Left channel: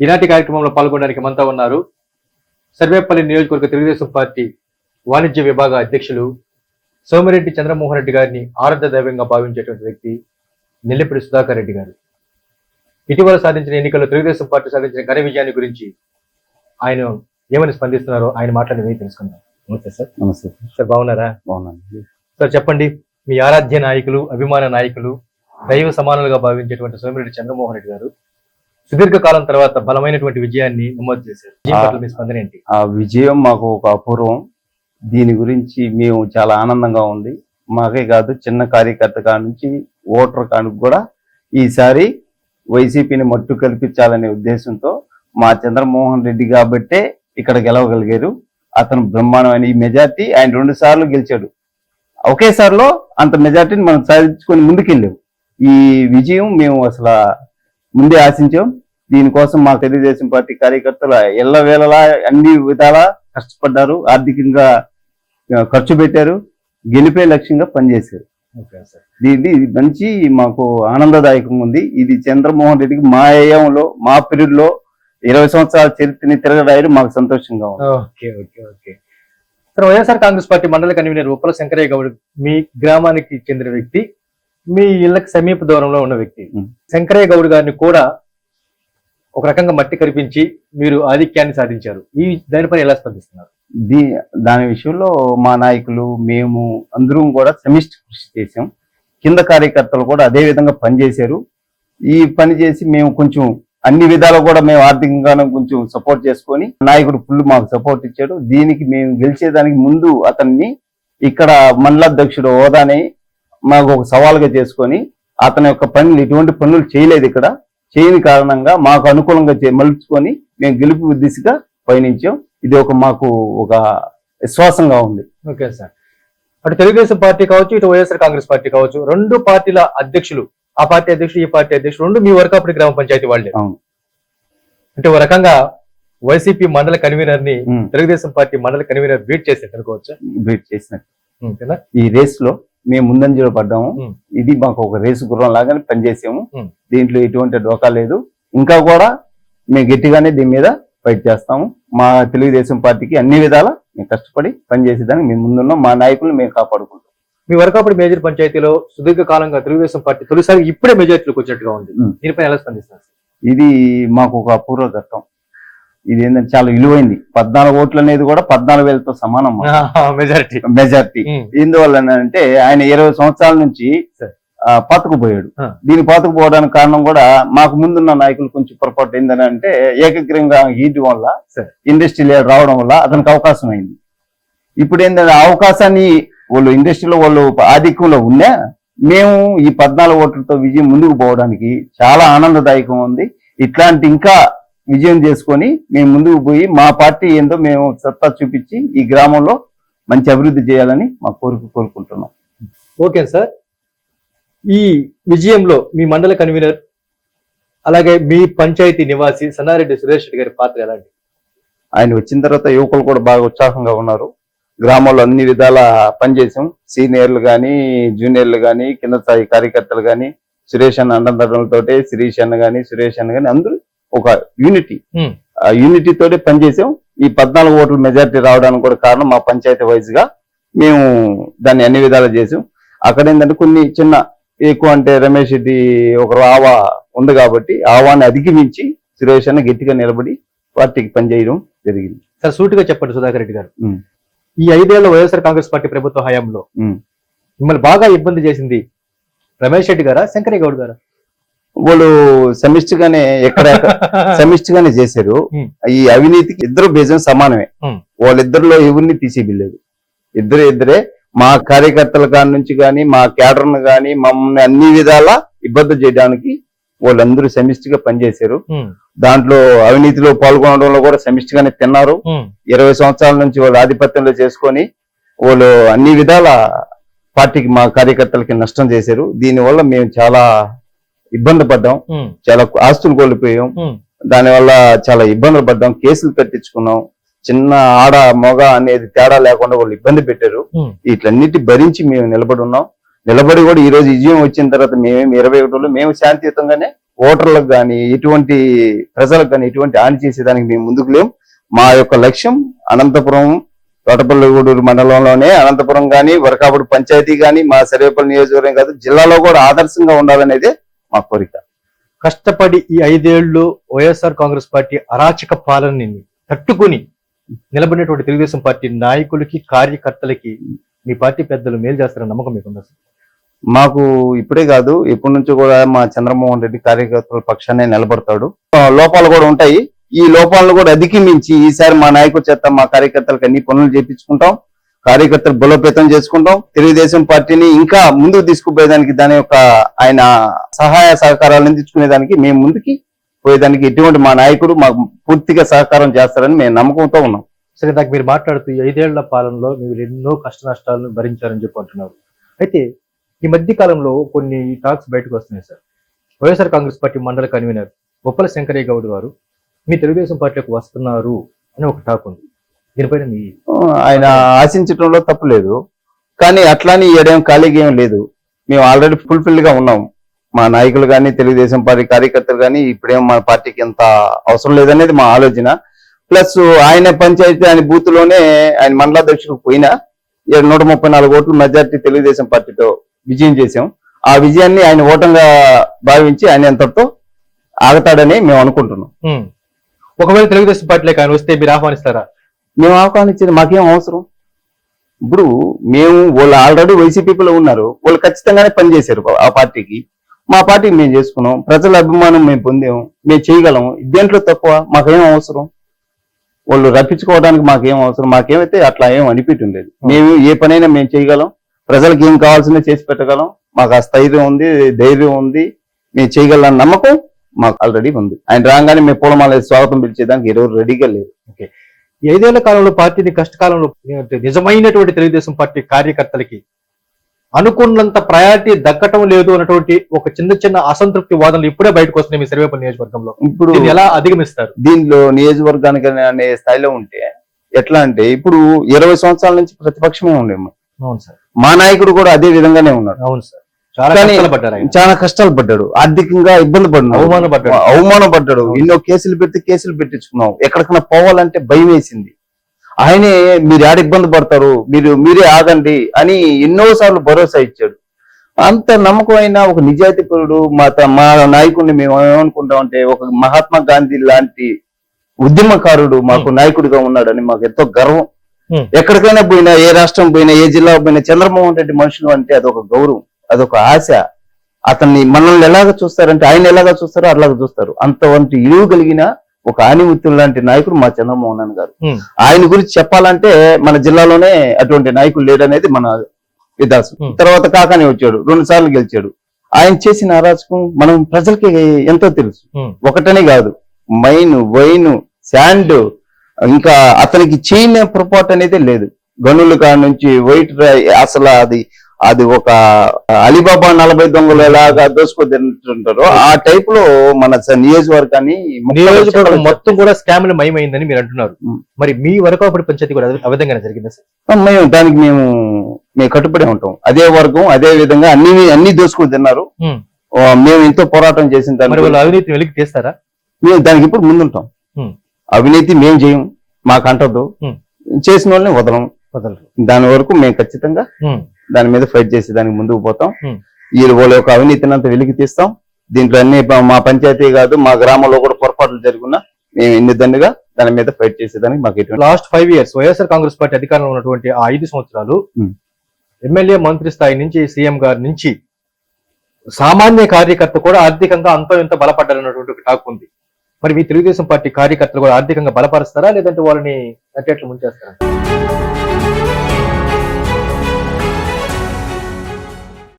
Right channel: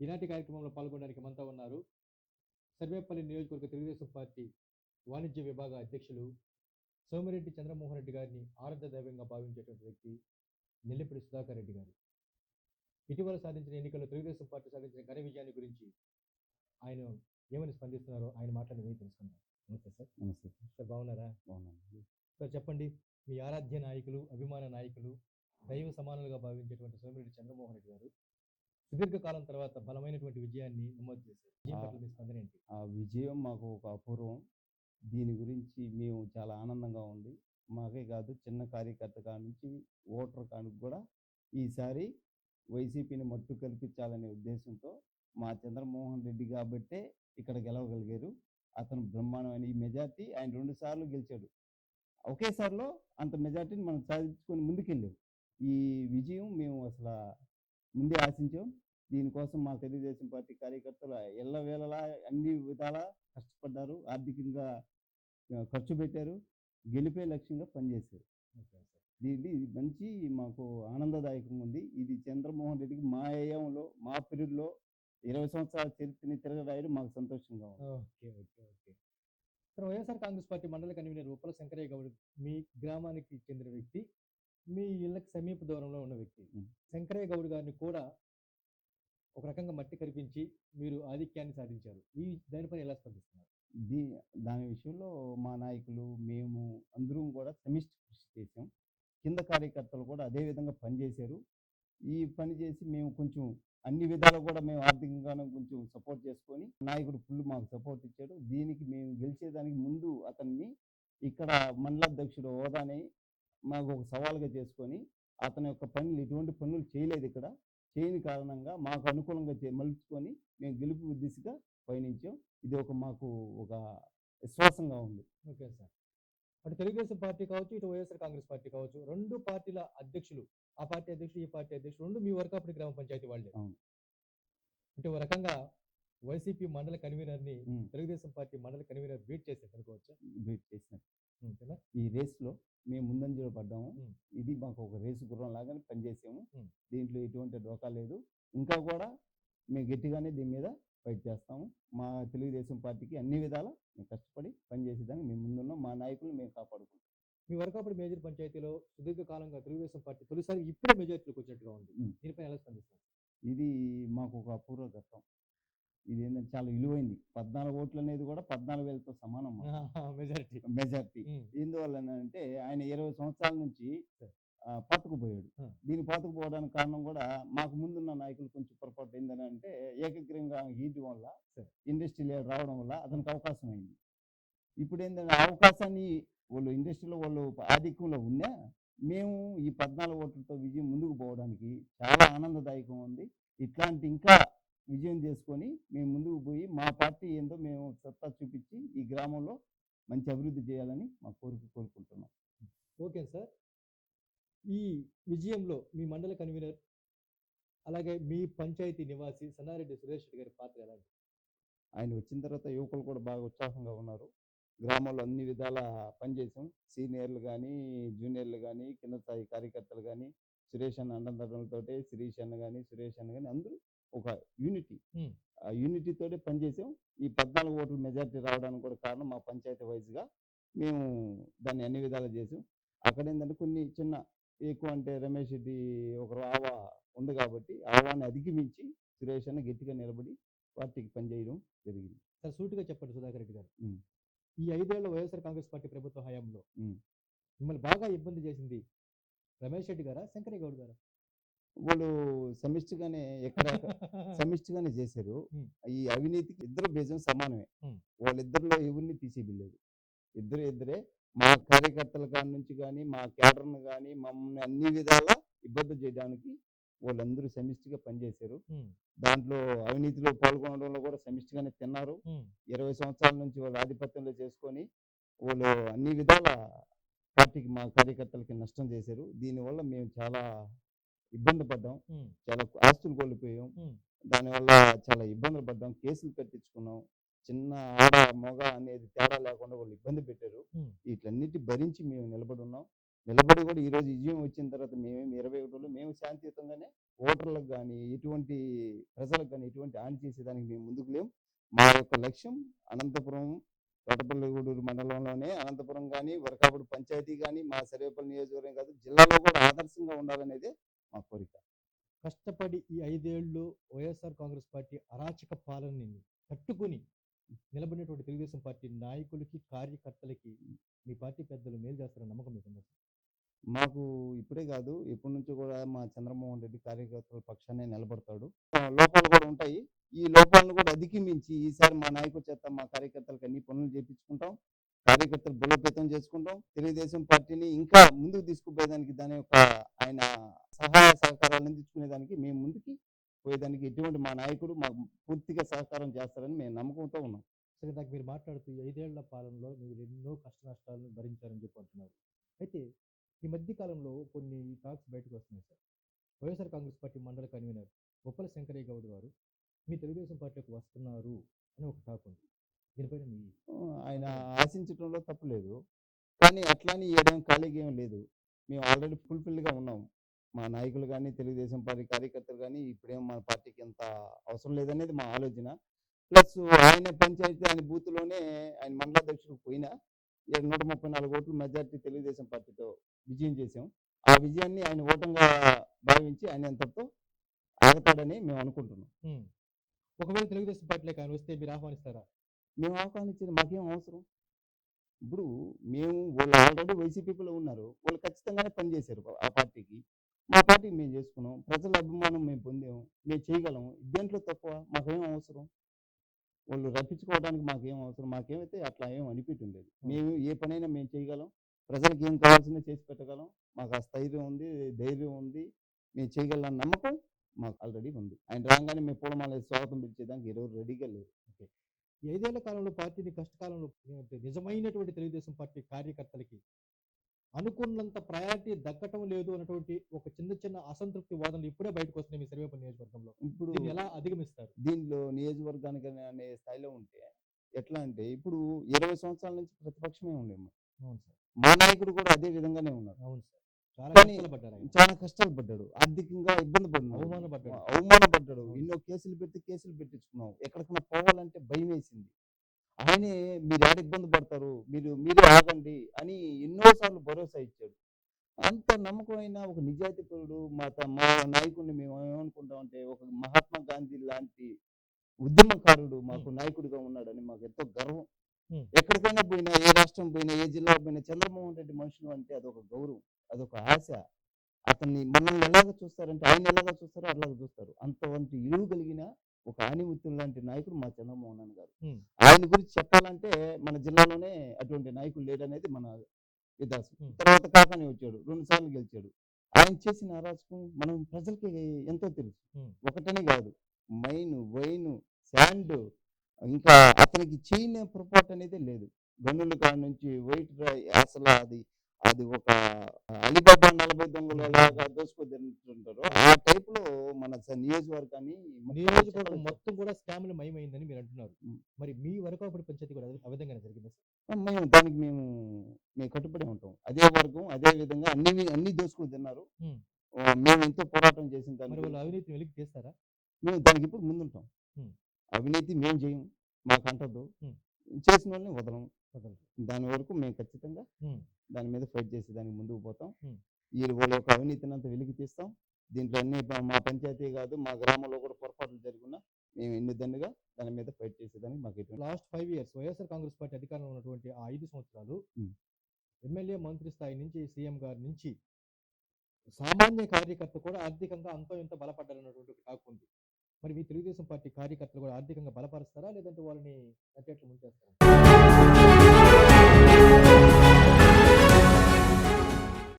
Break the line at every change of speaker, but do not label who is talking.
ఈనాటి కార్యక్రమంలో పాల్గొనడానికి మనతో ఉన్నారు సర్వేపల్లి నియోజకవర్గ తెలుగుదేశం పార్టీ వాణిజ్య విభాగ అధ్యక్షులు సోమిరెడ్డి చంద్రమోహన్ రెడ్డి గారిని ఆరాధ్య దైవంగా భావించేటువంటి వ్యక్తి నెల్లిపూడి సుధాకర్ రెడ్డి గారు. ఇటీవల సాధించిన ఎన్నికల్లో తెలుగుదేశం పార్టీ సాధించిన ఘన విజయాన్ని గురించి ఆయన ఏమని స్పందిస్తున్నారో ఆయన మాట్లాడి మీరు తెలుసుకుందాం. నమస్తే సార్.
నమస్తే.
సార్ బాగున్నారా?
బాగున్నాను
సార్ చెప్పండి మీ ఆరాధ్య నాయకులు అభిమాన నాయకులు దైవ సమానులుగా భావించేటువంటి సోమిరెడ్డి చంద్రమోహన్ రెడ్డి గారు సుదీర్ఘ కాలం తర్వాత బలమైనటువంటి విజయాన్ని నమోదు చేశారు. మీ స్పందన ఏంటి?
ఆ విజయం మాకు ఒక అపూర్వం. దీని గురించి మేము చాలా ఆనందంగా ఉంది. మాకే కాదు చిన్న కార్యకర్త కాడ నుంచి ఓటర్ కాడికి కూడా ఈసారి వైసీపీని మట్టు కల్పించాలనే ఉద్దేశంతో మా చంద్రమోహన్ రెడ్డి కాబట్టే ఇక్కడ గెలవగలిగారు. అతను బ్రహ్మాండమైన ఈ మెజార్టీ ఆయన రెండు సార్లు గెలిచాడు. ఒకేసారిలో అంత మెజార్టీని మనం సాధించుకొని ముందుకెళ్ళాం. ఈ విజయం మేము అసలు ముందే ఆశించాం. దీనికోసం మా తెలుగుదేశం పార్టీ కార్యకర్తలు ఎల్లవేళలా అన్ని విధాలా కష్టపడ్డారు. ఆర్థికంగా ఖర్చు పెట్టారు. గెలిపే లక్ష్యంగా పనిచేశారు. ఇది మంచి మాకు ఆనందదాయకంగా ఉంది. ఇది చంద్రమోహన్ రెడ్డికి మా ఏయంలో మా పీరియడ్లో ఇరవై సంవత్సరాల చరిత్రని తిరగరాయడం మాకు సంతోషంగా ఉంది.
Okay okay okay. Sir YSR Congress party మండల కన్వీనర్ ఉప్పల శంకరయ్య గౌడ్ మీ గ్రామానికి చెందిన వ్యక్తి. మీ ఇళ్ళకి సమీప దూరంలో ఉన్న వ్యక్తి. శంకరయ్య గౌడ్ గారిని కూడా ఒక రకంగా మట్టి కరిపించి మీరు ఆధిక్యాన్ని సాధించారు. ఈ దానిపై ఎలా స్పందిస్తున్నారు?
దీ దాని విషయంలో మా నాయకులు మేము అందరం కూడా సమిష్టి కృషి చేశాం. కింద కార్యకర్తలు కూడా అదే విధంగా పనిచేశారు. ఈ పని చేసి మేము కొంచెం అన్ని విధాలు కూడా మేము ఆర్థికంగానే కొంచెం సపోర్ట్ చేసుకొని నాయకుడు ఫుల్ మాకు సపోర్ట్ ఇచ్చాడు. దీనికి మేము గెలిచేదానికి ముందు అతన్ని ఇక్కడ మండలాధ్యక్షుడు హోదాని మాకు ఒక సవాల్గా చేసుకొని అతని యొక్క పనులు ఎటువంటి పనులు చేయలేదు ఇక్కడ. చేయని కారణంగా మాకు అనుకూలంగా మలుచుకొని మేము గెలుపు దిశగా పయనించాం. ఇది ఒక మాకు ఒక విశ్వాసంగా ఉంది.
Okay sir. అటు తెలుగుదేశం పార్టీ కావచ్చు ఇటు వైఎస్ఆర్ కాంగ్రెస్ పార్టీ కావచ్చు రెండు పార్టీల అధ్యక్షులు ఆ పార్టీ అధ్యక్షుడు ఈ పార్టీ అధ్యక్షుడు రెండు మీ వరకాపుడి గ్రామ పంచాయతీ వాళ్ళే. అంటే ఒక రకంగా వైసీపీ మండల
కన్వీనర్ని
తెలుగుదేశం పార్టీ మండల కన్వీనర్ బీట్ చేసేట్టు అనుకోవచ్చు?
బీట్ చేసినట్టు. ఈ రేస్లో మేము ముందంజలో పడ్డాము. ఇది మాకు ఒక రేసు గుర్రం లాగానే పనిచేసాము. దీంట్లో ఎటువంటి డోకా లేదు. ఇంకా కూడా మేము గట్టిగానే దీని మీద ఫైట్ చేస్తాము. మా తెలుగుదేశం పార్టీకి అన్ని విధాల మేము కష్టపడి పనిచేసేదానికి మేము ముందున్నాం. మా నాయకులు మేము కాపాడుకుంటాం.
మీ వరకాపుడి మేజర్ పంచాయతీలో సుదీర్ఘ కాలంగా తెలుగుదేశం పార్టీ తొలిసారి ఇప్పుడే మెజార్టీలోకి వచ్చినట్టుగా ఉంది. దీనిపై ఎలా స్పందిస్తున్నారు
ఇది మాకు ఒక అపూర్వ ఘట్టం. ఇది ఏంటంటే చాలా విలువైంది. పద్నాలుగు ఓట్లు అనేది కూడా పద్నాలుగు వేలతో సమానం.
మెజారిటీ.
మెజార్టీ. ఎందువల్ల అంటే ఆయన ఇరవై సంవత్సరాల నుంచి పాతుకుపోయాడు.
ఆ.
దీని పాతుకుపోవడానికి కారణం కూడా మాకు ముందున్న నాయకులు కొంచెం పొరపాటు ఏందని అంటే ఏకగ్రీవంగా హీట్ వల్ల. ఇండస్ట్రీ రావడం వల్ల అతనికి అవకాశం అయింది ఇప్పుడు ఏంటంటే అవకాశాన్ని వాళ్ళు ఇండస్ట్రీలో వాళ్ళు ఆధిక్యంలో ఉన్నా మేము ఈ పద్నాలుగు ఓట్లతో విజయం ముందుకు పోవడానికి చాలా ఆనందదాయకం ఉంది. ఇట్లాంటి ఇంకా విజయం చేసుకొని మేము ముందుకు పోయి మా పార్టీ ఏందో మేము సత్తా చూపించి ఈ గ్రామంలో మంచి అభివృద్ధి చేయాలని మా కోరిక కోరుకుంటున్నాం.
Okay sir. ఈ విజయంలో మీ మండల కన్వీనర్ అలాగే మీ పంచాయతీ నివాసి సన్నారెడ్డి సురేష్ రెడ్డి గారి పాత్ర ఎలాంటి?
ఆయన వచ్చిన తర్వాత యువకులు కూడా బాగా ఉత్సాహంగా ఉన్నారు. గ్రామంలో అన్ని విధాల పనిచేసాం. సీనియర్లు కానీ జూనియర్లు కానీ కింద స్థాయి కార్యకర్తలు కానీ సురేష్ అన్న అండదండలతోటే శిరీష్ అన్న కానీ సురేష్ అన్న కానీ అందరూ ఒక యూనిటీ
Hmm.
ఆ యూనిటీ తోటే పనిచేసాం ఈ పద్నాలుగు ఓట్ల మెజారిటీ రావడానికి కూడా కారణం మా పంచాయతీ వైజ్గా మేము దాన్ని అన్ని విధాలు చేసాం అక్కడ ఏంటంటే కొన్ని చిన్న ఎక్కువ అంటే రమేష్ రెడ్డి ఒక ఆవా ఉంది కాబట్టి ఆవాన్ని అధిగమించి సురేష్ అన్న గట్టిగా నిలబడి పార్టీకి పనిచేయడం జరిగింది
సార్ సూటిగా చెప్పండి సుధాకర్ రెడ్డి గారు
ఉమ్.
ఈ ఐదేళ్ళ వైఎస్ఆర్ కాంగ్రెస్ పార్టీ ప్రభుత్వ హయాంలో
ఉమ్.
మిమ్మల్ని బాగా ఇబ్బంది చేసింది రమేష్ రెడ్డి గారా శంకరయ్య గౌడ్ గారా
వాళ్ళు సమిష్టి గానే ఎక్కడ సమిష్టి గానే చేశారు. ఈ అవినీతికి ఇద్దరు బేజం సమానమే. వాళ్ళిద్దరిలో ఎవరిని తీసేయలేదు ఇద్దరే ఇద్దరే మా కార్యకర్తల కాడి నుంచి కానీ మా క్యాడర్ను కానీ మమ్మల్ని అన్ని విధాలా ఇబ్బంది చేయడానికి వాళ్ళందరూ సమిష్టిగా పనిచేశారు. దాంట్లో అవినీతిలో పాల్గొనడంలో కూడా సమిష్టిగానే తిన్నారు. ఇరవై సంవత్సరాల నుంచి వాళ్ళు ఆధిపత్యంలో చేసుకొని వాళ్ళు అన్ని విధాల పార్టీకి మా కార్యకర్తలకి నష్టం చేశారు. దీనివల్ల మేము చాలా ఇబ్బంది పడ్డాం. చాలా ఆస్తులు కోల్పోయాం. దానివల్ల చాలా ఇబ్బందులు పడ్డాం. కేసులు కట్టించుకున్నాం. చిన్న ఆడ మొగ అనేది తేడా లేకుండా వాళ్ళు ఇబ్బంది పెట్టారు. వీటన్నిటి భరించి మేము నిలబడి ఉన్నాం. నిలబడి కూడా ఈ రోజు విజయం వచ్చిన తర్వాత మేమేమి ఇరవై ఒకటిలో మేము శాంతియుతంగానే ఓటర్లకు కానీ ఎటువంటి ప్రజలకు కానీ ఎటువంటి హాని చేసేదానికి మేము ముందుకు లేం. మా యొక్క లక్ష్యం అనంతపురం తోటపల్లిగూడూరు మండలంలోనే అనంతపురం కానీ వరకాపుడు పంచాయతీ కానీ మా సర్వేపల్లి నియోజకవర్గం కాదు జిల్లాలో కూడా ఆదర్శంగా ఉండాలనేదే మా కోరిక.
కష్టపడి ఈ ఐదేళ్ళు వైఎస్ఆర్ కాంగ్రెస్ పార్టీ అరాచక పాలనని తట్టుకుని నిలబడినటువంటి తెలుగుదేశం పార్టీ నాయకులకి కార్యకర్తలకి మీ పార్టీ పెద్దలు మేలు చేస్తారని నమ్మకం మీకు ఉందా సార్?
మాకు ఇప్పుడే కాదు ఇప్పటి నుంచి కూడా మా చంద్రమోహన్ రెడ్డి కార్యకర్తల పక్షాన్ని నిలబడతాడు. లోపాలు కూడా ఉంటాయి. ఈ లోపాలను కూడా అధిగమించి ఈసారి మా నాయకుల చేత మా కార్యకర్తలకు అన్ని పనులు చేపించుకుంటాం. కార్యకర్తలు బలోపేతం చేసుకుంటాం. తెలుగుదేశం పార్టీని ఇంకా ముందుకు తీసుకుపోయేదానికి దాని యొక్క ఆయన సహాయ సహకారాలు అందించుకునేదానికి మేము ముందుకి పోయేదానికి ఎటువంటి మా నాయకుడు మాకు పూర్తిగా సహకారం చేస్తారని మేము నమ్మకంతో ఉన్నాం.
సరే నాకు మీరు మాట్లాడుతూ ఐదేళ్ళ పాలనలో మీరు ఎన్నో కష్ట నష్టాలను భరించారని చెప్పి అంటున్నారు. అయితే ఈ మధ్య కాలంలో కొన్ని టాక్స్ బయటకు వస్తున్నాయి సార్. వైఎస్ఆర్ కాంగ్రెస్ పార్టీ మండల కన్వీనర్ బొప్పల శంకరయ్య గౌడ్ గారు మీ తెలుగుదేశం పార్టీకి వస్తున్నారు అని ఒక టాక్ ఉంది.
ఆయన ఆశించడంలో తప్పు లేదు. కానీ అట్లాని ఏడేం ఖాళీగా ఏం లేదు. మేము ఆల్రెడీ ఫుల్ఫిల్గా ఉన్నాం. మా నాయకులు కానీ తెలుగుదేశం పార్టీ కార్యకర్తలు కానీ ఇప్పుడేం మన పార్టీకి ఎంత అవసరం లేదనేది మా ఆలోచన. ప్లస్ ఆయన పంచాయతీ ఆయన బూత్లోనే ఆయన మండలాధ్యక్షుడు పోయినా ఏడు నూట ముప్పై నాలుగు ఓట్లు మెజార్టీ తెలుగుదేశం పార్టీతో విజయం చేశాం. ఆ విజయాన్ని ఆయన ఓటంగా భావించి ఆయన ఎంతతో ఆగతాడని మేము అనుకుంటున్నాం.
ఒకవేళ తెలుగుదేశం పార్టీలోకి ఆయన వస్తే మీరు ఆహ్వానిస్తారా?
మేము ఆహ్వానించేది మాకేం అవసరం? ఇప్పుడు మేము వాళ్ళు ఆల్రెడీ వైసీపీలో ఉన్నారు వాళ్ళు ఖచ్చితంగానే పనిచేశారు ఆ పార్టీకి. మా పార్టీకి మేము చేసుకున్నాం ప్రజల అభిమానం మేము పొందాం మేము చేయగలం. దేంట్లో తక్కువ? మాకేం అవసరం? వాళ్ళు రప్పించుకోవడానికి మాకేం అవసరం? మాకేమైతే అట్లా ఏం అనిపించడం లేదు. మేము ఏ పనైనా మేము చేయగలం. ప్రజలకు ఏం కావాల్సిందో చేసి పెట్టగలం. మాకు ఆ స్థైర్యం ఉంది ధైర్యం ఉంది. మేము చేయగలం నమ్మకం మాకు ఆల్రెడీ ఉంది. ఆయన రాగానే మేము పూలమాల స్వాగతం పిలిచేదానికి ఎవరు రెడీగా లేరు.
ఈ ఐదేళ్ళ కాలంలో పార్టీని కష్టకాలంలో నిజమైనటువంటి తెలుగుదేశం పార్టీ కార్యకర్తలకి అనుకున్నంత ప్రయారిటీ దక్కటం లేదు అన్నటువంటి ఒక చిన్న చిన్న అసంతృప్తి వాదనలు ఇప్పుడే బయటకు వస్తున్నాయి మీ సర్వేపల్లి నియోజకవర్గంలో.
ఇప్పుడు
ఎలా అధిగమిస్తారు?
దీనిలో నియోజకవర్గానికి అనే స్థాయిలో ఉంటే ఎట్లా అంటే ఇప్పుడు ఇరవై సంవత్సరాల నుంచి ప్రతిపక్షమే ఉండేము
అవును సార్.
మా నాయకుడు కూడా అదే విధంగానే ఉన్నాడు.
అవును సార్. చాలా కష్టాలు
పడ్డాడు. ఆర్థికంగా ఇబ్బంది పడ్డాడు.
అవమానపడ్డాడు.
అవమానం పడ్డాడు
అవును.
ఎన్నో కేసులు పెడితే కేసులు పెట్టించుకున్నాం. ఎక్కడికైనా పోవాలంటే భయం వేసింది. ఆయనే మీరు ఆడ ఇబ్బంది పడతారు? మీరు మీరే ఆగండి అని ఎన్నో సార్లు భరోసా ఇచ్చాడు. అంత నమ్మకమైన ఒక నిజాయితీ పరుడు మా మా నాయకుడిని మేము ఏమనుకుంటామంటే ఒక మహాత్మా గాంధీ లాంటి ఉద్యమకారుడు మాకు నాయకుడిగా ఉన్నాడని మాకు ఎంతో గర్వం. ఎక్కడికైనా పోయినా ఏ రాష్ట్రం పోయినా ఏ జిల్లా పోయినా చంద్రమోహన్ రెడ్డి మనుషులు అంటే అదొక గౌరవం. అదొక ఆశ. అతన్ని మనల్ని ఎలాగ చూస్తారంటే ఆయన ఎలాగ చూస్తారో అలాగ చూస్తారు. అంతవంటి ఇలువ కలిగిన ఒక ఆనిముత్యం లాంటి నాయకుడు మా చంద్రమోహన్ గారు. ఆయన గురించి చెప్పాలంటే మన జిల్లాలోనే అటువంటి నాయకుడు లేడనేది మన విదాసు. తర్వాత కాకాని వచ్చాడు రెండు సార్లు గెలిచాడు. ఆయన చేసిన అరాచకం మనం ప్రజలకి ఎంతో తెలుసు. ఒకటనే కాదు మైన్ వైన్ శాండ్ ఇంకా అతనికి చేయని పొరపాటు అనేది లేదు. గనుల కాడ నుంచి వైట్ అసలు అది అది ఒక అలీబాబా నలభై దొంగలు ఎలాగా దోసుకొద్దంటారో ఆ టైప్లో మన నియోజకవర్గాన్ని
నియోజకవర్గం మొత్తం కూడా స్కామ్లు మయమైందని మీరు అంటున్నారు. మరి మీ వరకాపుడి పంచాయతీ కూడా విధంగానే జరిగింది సార్?
మేము దానికి మేము మేము కట్టుబడి ఉంటాం. అదే వర్గం అదే విధంగా అన్ని అన్ని దోసుకుని తిన్నారు. మేము. ఎంతో పోరాటం చేసిన
మరి
దానికి
వాళ్ళు అవినీతిని వెలికి తీస్తారా?
మేము దానికి ఇప్పుడు ముందుంటాం. అవినీతి మేము చేయం మాకు అంటదు
Hmm.
చేసిన వాళ్ళని వదలం.
వదలరు.
దాని వరకు మేము ఖచ్చితంగా. దాని మీద ఫైట్ చేసి దానికి ముందుకు పోతాం. ఈ వాళ్ళ యొక్క అవినీతిని అంతా వెలికి తీస్తాం. దీంట్లో అన్ని మా పంచాయతీ కాదు మా గ్రామంలో కూడా పొరపాట్లు జరుగున్నా మేము ఎన్ని దండుగా దాని మీద ఫైట్ చేసేదానికి మాకు
last five years YSR Congress party అధికారంలో ఉన్నటువంటి ఆ ఐదు సంవత్సరాలు. ఎమ్మెల్యే మంత్రి స్థాయి నుంచి సీఎం గారి నుంచి సామాన్య కార్యకర్త కూడా ఆర్థికంగా అంతో ఎంతో బలపడ్డారన్నటువంటి ఒక టాక్ ఉంది. మరి మీ తెలుగుదేశం పార్టీ కార్యకర్తలు కూడా ఆర్థికంగా బలపరుస్తారా? లేదంటే వాళ్ళని నట్టేట్లు ముంచేస్తారా?